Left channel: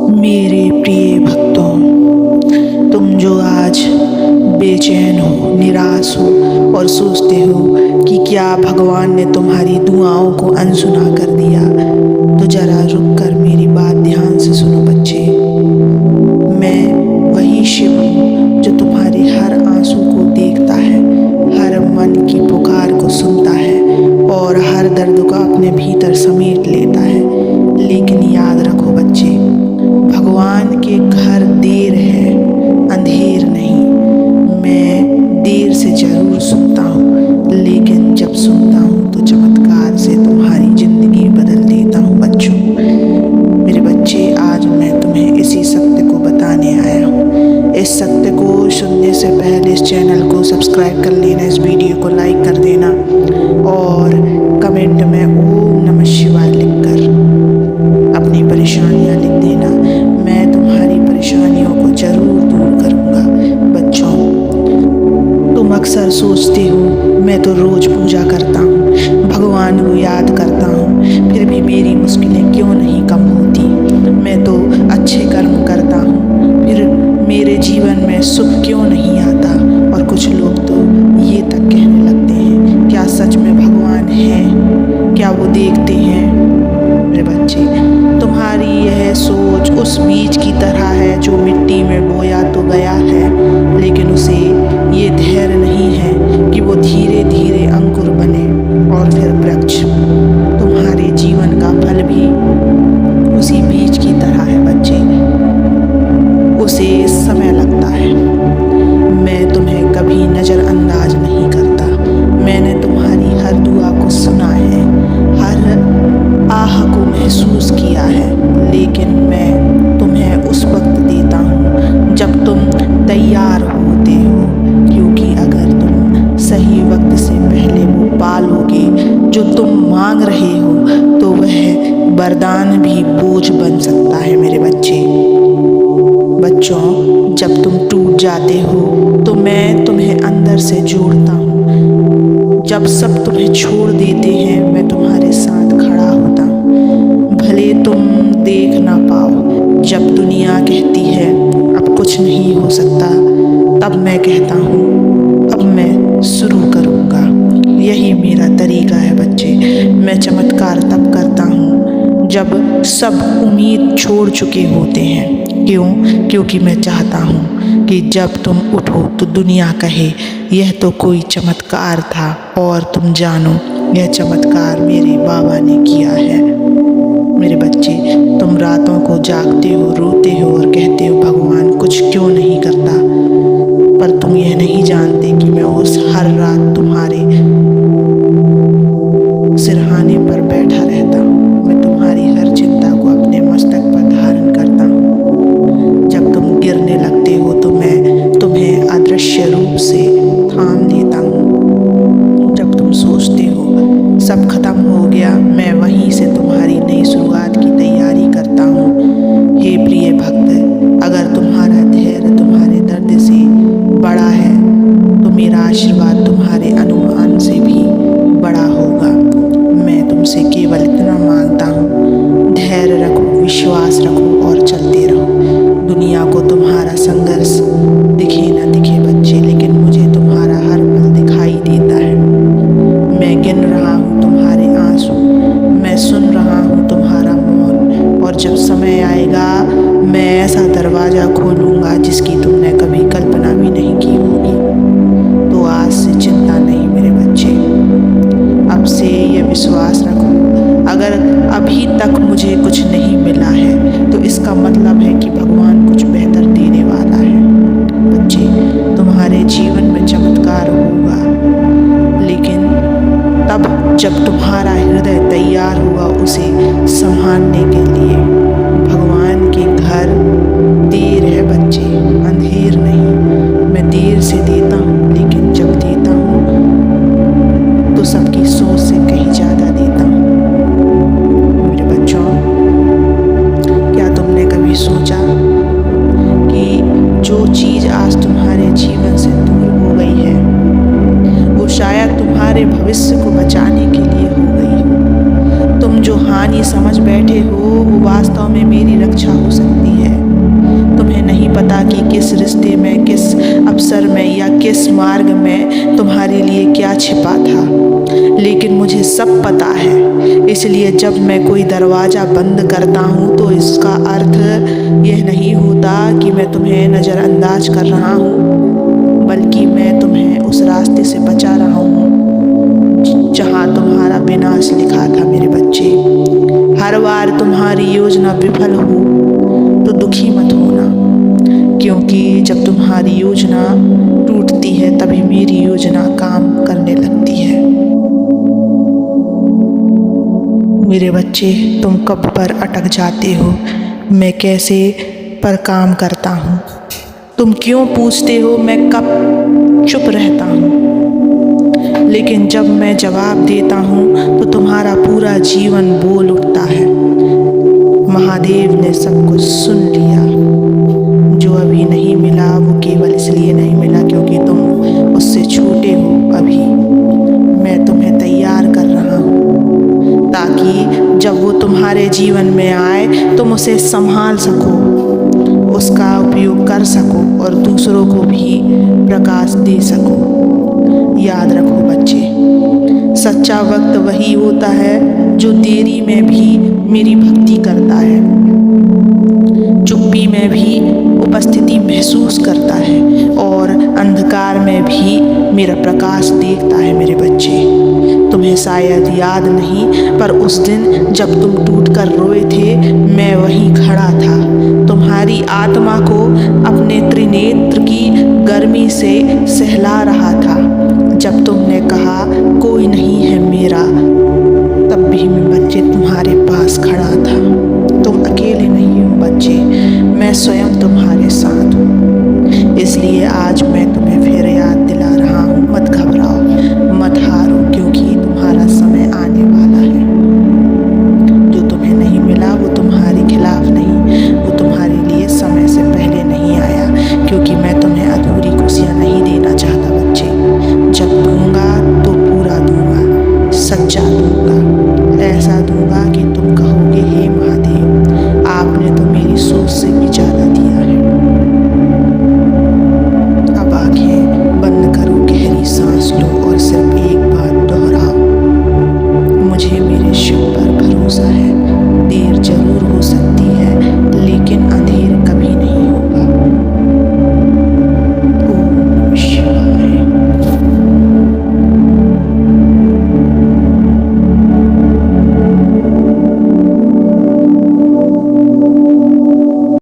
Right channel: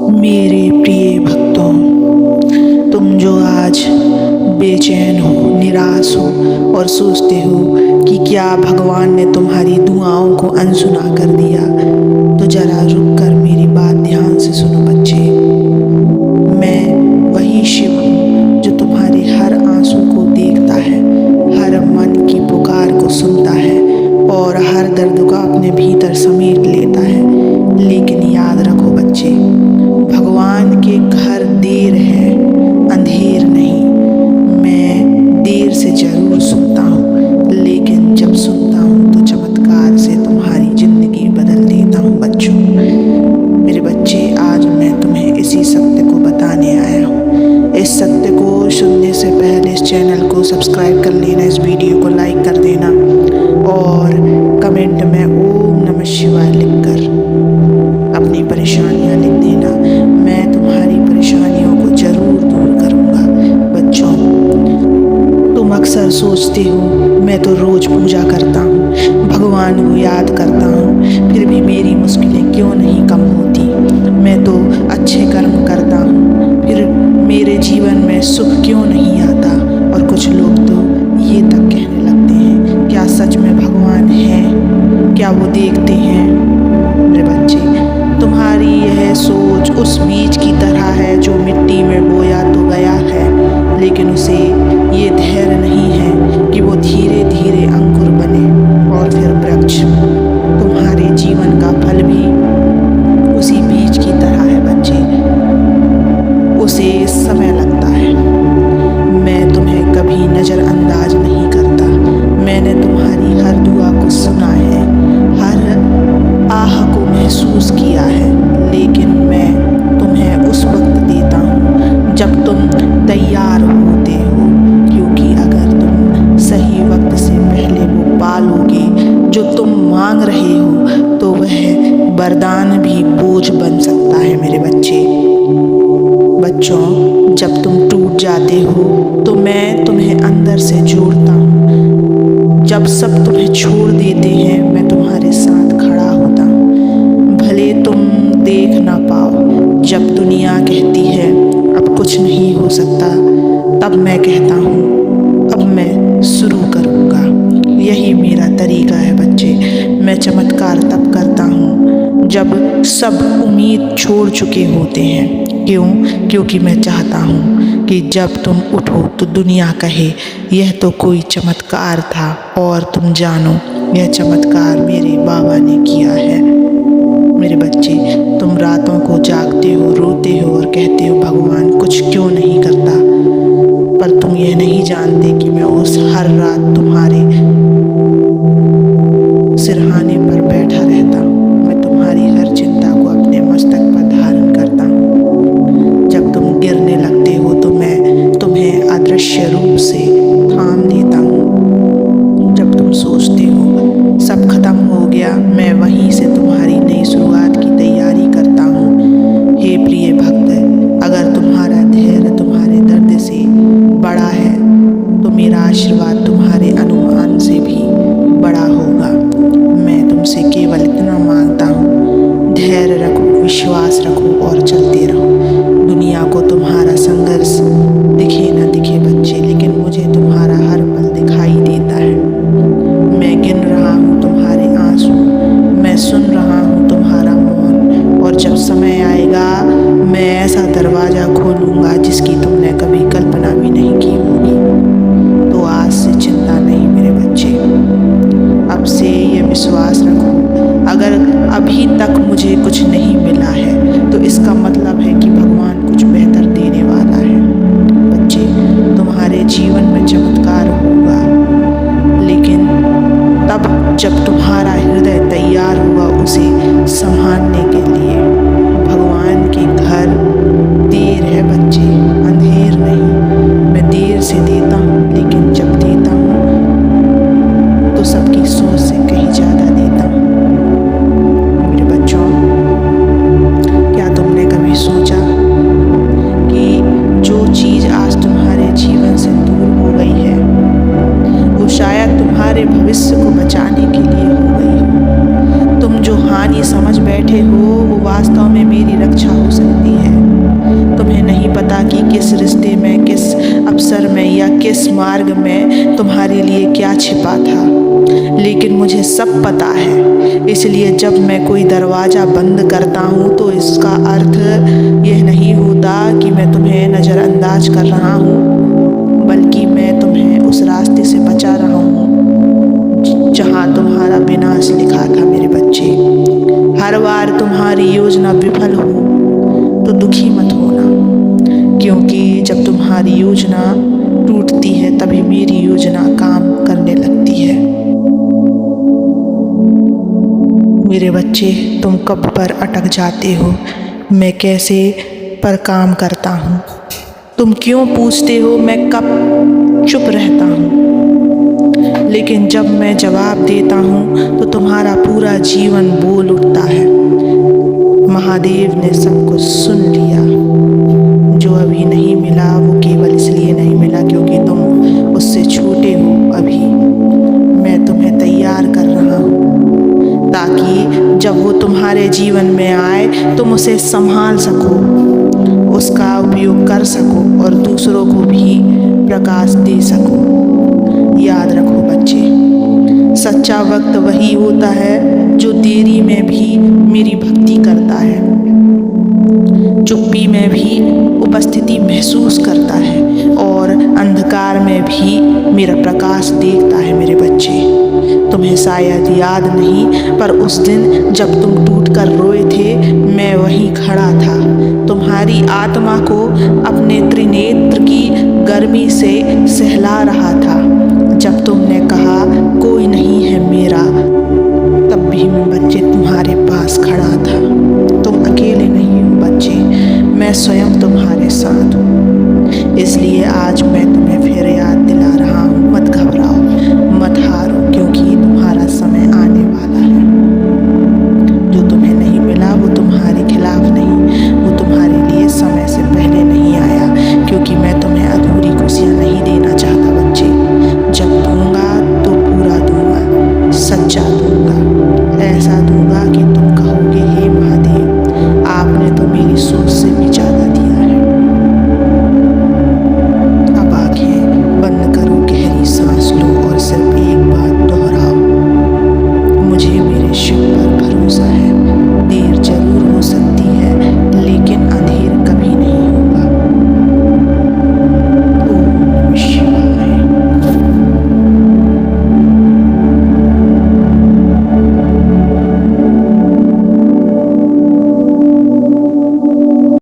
मेरे प्रिय भक्तों, तुम जो आज बेचैन हो, निराश हो और सोचते हो कि क्या भगवान ने तुम्हारी दुआओं को अनसुना कर दिया, तो जरा रुक कर मेरी बात ध्यान से सुनो बच्चे। मैं वही शिव हूँ जो तुम्हारे हर आंसू को देखता है, हर मन की पुकार को सुनता है और हर दर्द को अपने भीतर समेट लेता है। लेकिन याद रखो बच्चे, भगवान के घर देर है, अंधेर नहीं। मैं देर से ज़रूर सुनता हूँ, लेकिन जब सुनता हूँ तो चमत्कार से तुम्हारी ज़िंदगी बदल देता हूँ बच्चों। मेरे बच्चे, आज मैं तुम्हें इसी सत्य को बताने आया हूँ। इस सत्य को सुनने से पहले इस चैनल को सब्सक्राइब कर लेना, इस वीडियो को लाइक कर देना और कमेंट में ओम नमः शिवाय लिखकर अपनी परेशानियाँ लिख देना। मैं तुम्हारी परेशानियों को ज़रूर दूर करूँगा। बच्चों, तुम अक्सर सोचते हो मैं तो रोज़ पूजा करता हूँ, भगवान को याद करता हूँ, फिर भी मेरी मुश्किलें क्यों नहीं कम होती। मैं तो अच्छे कर्म करता हूँ, फिर मेरे जीवन में सुख क्यों नहीं आता। और कुछ लोग तो ये तक कहने लगते हैं, क्या सच में भगवान है, क्या वो देखते हैं। मेरे बच्चे, तुम्हारी यह सोच उस बीज की तरह है जो मिट्टी में बोया तो गया है, लेकिन उसे ये धैर्य नहीं है कि वो धीरे धीरे अंकुर बने और फिर वृक्ष। तुम्हारे जीवन का फल भी उसी बीज की तरह है बच्चे, उसे समय लगता है। मैं तुम्हें कभी नज़रअंदाज नहीं करता। मैंने तुम्हारी हर दुआ को सुना है, हर आह को महसूस किया है, लेकिन मैं तुम्हें उस वक्त देता हूँ जब तुम तैयार होते हो, क्योंकि अगर तुम सही वक्त से पहले वो पालोगे जो तुम मांग रहे हो, तो वह वरदान भी बोझ बन सकता है। मेरे बच्चे, बच्चों, जब तुम टूट जाते हो तो मैं तुम्हें अंदर से जोड़ता हूँ। जब सब तुम्हें छोड़ देते हैं, मैं तुम्हारे साथ खड़ा होता हूँ। भले तुम देख ना पाओ, जब दुनिया कहती है अब कुछ नहीं हो सकता, तब मैं कहता हूँ अब मैं शुरू करूँगा। यही मेरा तरीका है बच्चे। मैं चमत्कार तब करता हूँ जब सब उम्मीद छोड़ चुके होते हैं। क्यों? क्योंकि मैं चाहता हूँ कि जब तुम उठो तो दुनिया कहे यह तो कोई चमत्कार था, और तुम जानो यह चमत्कार मेरे बाबा ने किया है। मेरे बच्चे, तुम रातों को जागते हो, रोते हो और कहते हो भगवान कुछ क्यों नहीं करता, पर तुम यह नहीं जानते कि मैं उस हर रात तुम्हारे सिरहाने पर बैठा रहता हूँ। मैं तुम्हारी हर चिंता को अपने मस्तक पर धारण करता हूँ। जब तुम गिरने लगते हो तो मैं तुम्हें अदृश्य रूप से थाम लेता हूँ। जब तुम सोचते हो सब खत्म हो गया, मैं वहीं से तुम्हारी नई शुरुआत की तैयारी करता हूँ। हे प्रिय भक्त, अगर तुम्हारा धैर्य तुम्हारे दर्द से बड़ा है तो मेरा आशीर्वाद तुम्हारे अनुमान से भी बड़ा होगा। मैं तुमसे केवल इतना मांगता हूँ, धैर्य रखो, विश्वास रखो और चलते रहो। दुनिया को तुम्हारा संघर्ष दिखे न दिखे बच्चे, लेकिन मुझे तुम्हारा हर पल दिखाई देता है। मैं गिन रहा हूँ तुम्हारे आंसू, मैं सुन रहा हूँ तुम्हारा मौन, और जब समय आएगा मैं ऐसा दरवाज़ा खोलूँगा जिसकी तुमने कभी कल्पना भी नहीं की होगी। तो आज से चिंता नहीं मेरे बच्चे, अब से ये विश्वास रखो, अगर अभी तक मुझे कुछ नहीं मिला है तो इसका मतलब है कि भगवान कुछ बेहतर देने वाला है। बच्चे, तुम्हारे जीवन में चमत्कार होगा, लेकिन तब जब तुम्हारा हृदय तैयार होगा उसे संभालने के लिए। भगवान के घर देर है बच्चे, अंधेर नहीं। मैं देर से देता हूँ, लेकिन जब देता हूँ तो सबकी सोच से कहीं ज़्यादा देता हूँ। मेरे बच्चों, क्या तुमने कभी सोचा कि जो चीज़ आज तुम्हारे जीवन से दूर हो गई है वो शायद तुम्हारे भविष्य को बचाने के लिए हो गई हो। तुम जो हानि समझ बैठे हो वो वास्तव में मेरी रक्षा हो सकती है। तुम्हें नहीं पता कि किस रिश्ते में, किस अवसर में या किस मार्ग में तुम्हारे लिए क्या छिपा था, लेकिन मुझे सब पता है। इसलिए जब मैं कोई दरवाज़ा बंद करता हूँ तो इसका अर्थ यह नहीं होता कि मैं तुम्हें नज़रअंदाज कर रहा हूँ, बल्कि मैं तुम्हें उस रास्ते से बचा रहा हूँ जहाँ तुम्हारा विनाश लिखा था। मेरे बच्चे, हर बार तुम्हारी योजना विफल हो तो दुखी मत होना, क्योंकि जब तुम्हारी योजना टूटती है तभी मेरी योजना काम करने लगती है। मेरे बच्चे, तुम कब पर अटक जाते हो मैं कैसे पर काम करता हूँ? तुम क्यों पूछते हो मैं कब चुप रहता हूँ? लेकिन जब मैं जवाब देता हूँ तो तुम्हारा पूरा जीवन बोल उठता है। महादेव ने सब कुछ सुन लिया। जो अभी नहीं मिला वो केवल इसलिए नहीं मिला क्योंकि तुम उससे छोटे हो। अभी मैं तुम्हें तैयार कर रहा हूँ ताकि जब वो तुम्हारे जीवन में आए तुम उसे संभाल सको, उसका उपयोग कर सको और दूसरों को भी प्रकाश दे सको। याद रखो बच्चे, सच्चा वक्त वही होता है जो देरी में भी मेरी भक्ति करता है, चुप्पी में भी उपस्थिति महसूस करता है और अंधकार में भी मेरा प्रकाश देखता है। मेरे बच्चे, तुम्हें शायद याद नहीं, पर उस दिन जब तुम टूटकर रोए थे मैं वहीं खड़ा था, तुम्हारी आत्मा को अपने त्रिनेत्र की गर्मी से सहला रहा था। जब तुमने कहा कोई नहीं है मेरा, तब भी मैं बच्चे तुम्हारे पास खड़ा था। तुम अकेले नहीं हो बच्चे, मैं स्वयं तुम्हारे साथ हूँ। इसलिए आज मैं तुम्हें फिर याद दिला रहा हूँ, मत घबराओ, मत हारो, क्योंकि तुम्हारा समय आने वाला है। जो तुम्हें नहीं मिला वो तुम्हारे खिलाफ नहीं, वो तुम्हारे लिए समय से पहले नहीं आया, क्योंकि मैं तुम्हें अधूरी खुशियाँ नहीं देना चाहता बच्चे। जब दूंगा तो पूरा दूंगा, सच्चा दूंगा, ऐसा दूंगा कि तुम कहोगे हे महादेव, आपने तो मेरी सोच से भी ज़्यादा दिया है। अब आंखें बंद करो, गहरी सांस लो और सिर्फ एक बात दोहराओ, मुझे मेरे शिव पर भरोसा है। देर जरूर हो सकती है